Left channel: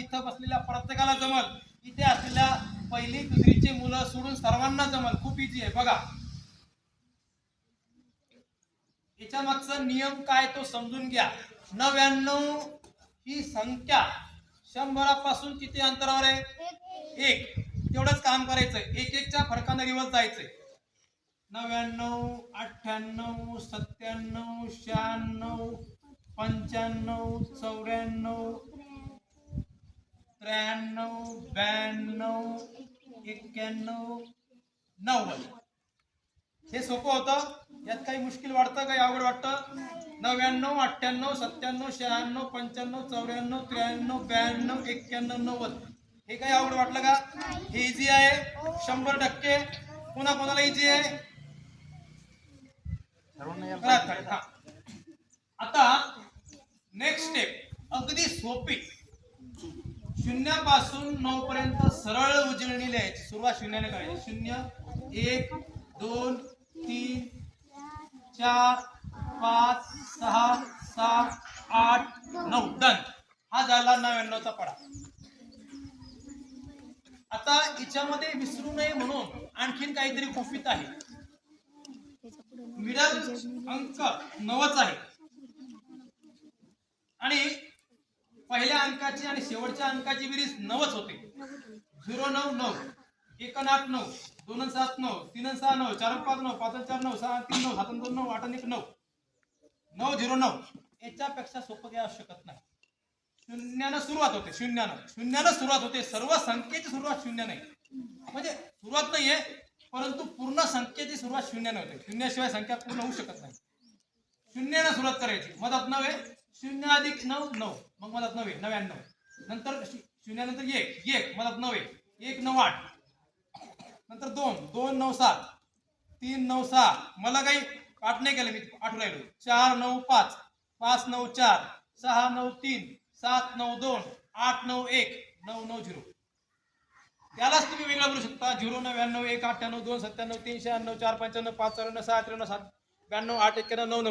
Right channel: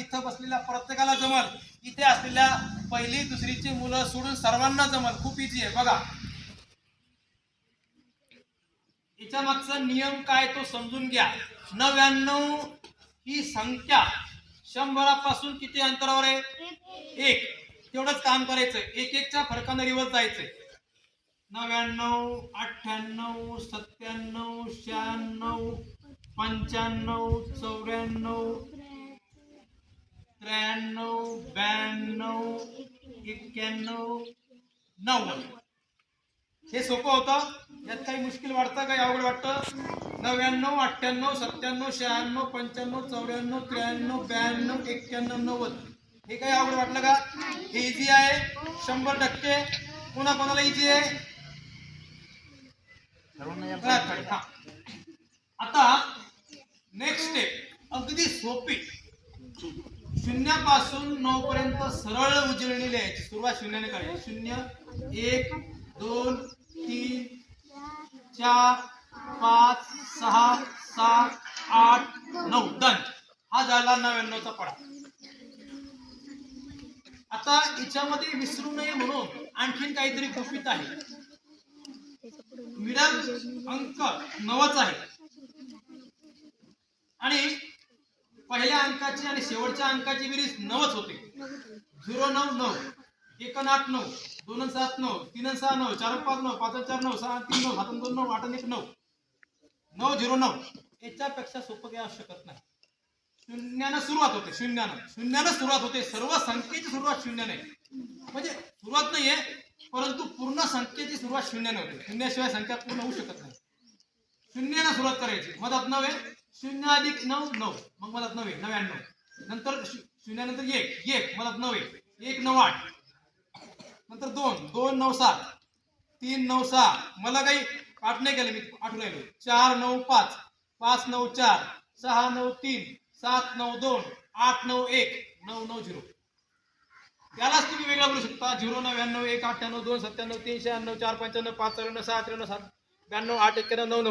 इथं बसलेल्या प्रत्येकाला जमल. इथे असलेल्या पहिली दुसरीची मुलं सोडून सर्वांना जमल. खूप इझी आहे. बघा. याच्या मागचा नियम काय तो समजून घ्या. नव्याण्णव ही संख्या शंभरापासून किती अंतरावर आहे? एक. तेवढंच काम करायचं एक एकच्या फरकानं रिवर्स जायचंय. नव्याण्णव अठ्ठ्याण्णव सत्त्याण्णव शहाण्णव पंच्याण्णव चौऱ्याण्णव त्र्याण्णव ब्याण्णव एक्क्याण्णव नव्वद. हे सोपं होतं. यात काही मुश्किल वाटतं काही अवघड वाटतं. नव्याण्णव अठ्ठ्याण्णव सत्त्याण्णव शहाण्णव पंच्याण्णव चौऱ्याण्णव त्र्याण्णव ब्याण्णव एक्क्याण्णव नव्वद. हे काही अवघड वाटलं का? हे इझी आहे. शंभर टक्के. कोणा कोणाला इझी आहे. आता नेक्स्ट स्टेप अगदी सोपी. शून्यापासून नऊ पर्यंत सरळ उजळणी लिहायची. सुरुवात शून्याने काढली शून्य एक दोन तीन चार पाच सहा सात आठ नऊ. डन हा झाला नव्याण्णवचा पडा. आता याच्यामध्ये विसरू नये म्हणून आणखीन काहीतरी गुपित आहे. मिडल अंक नवच आहे. आणि पहिल्या अंकाची आणि शेवटच्या अंकाची बेरीज नवच होते. झिरो नऊ नऊ एक आठ नऊ दोन सात नऊ तीन सहा नऊ चार पाच नऊ पाच चार नऊ सहा तीन नऊ सात दोन नऊ आठ एक नऊ. नऊ झिरो नऊ. याच्यापेक्षा सोपं काही असू शकत नाही. शून्यानं सुरुवात होते शून्यानं. शून्यानं सुरुवात होते. सर्व संख्येची सुरुवात शून्याने म्हणजे सुरुवात नाहीये परंतु पूर्ण संख्येची सुरुवात शून्याने होते. शून्याशिवाय संख्या पूर्ण होऊ शकत नाही. शून्यानं सुरुवात करायची. मधात नऊ शून्य अधिक नऊ नऊ. मग मला नव्हे नव्याण्णव. नंतर शून्यानंतर एक एक. मला नऊ एक. नऊ आठ. नंतर दोन. दोन नऊ सात. तीन नऊ सहा. मला काही आठ नाही केलं मी आठवू राहिलो. चार नऊ पाच. पाच नऊ चार. सहा नऊ तीन. सात नऊ दोन. आठ नऊ एक. नऊ नऊ झिरो. त्यालाच तुम्ही वेगळा बोलू शकता. झिरो नव्याण्णव एक अठ्ठ्याण्णव दोन सत्त्याण्णव तीन शहाण्णव चार पंच्याण्णव पाच चौऱ्याण्णव सहा त्र्याण्णव सात ब्याण्णव आठ एक्क्याण्णव नऊ नऊ.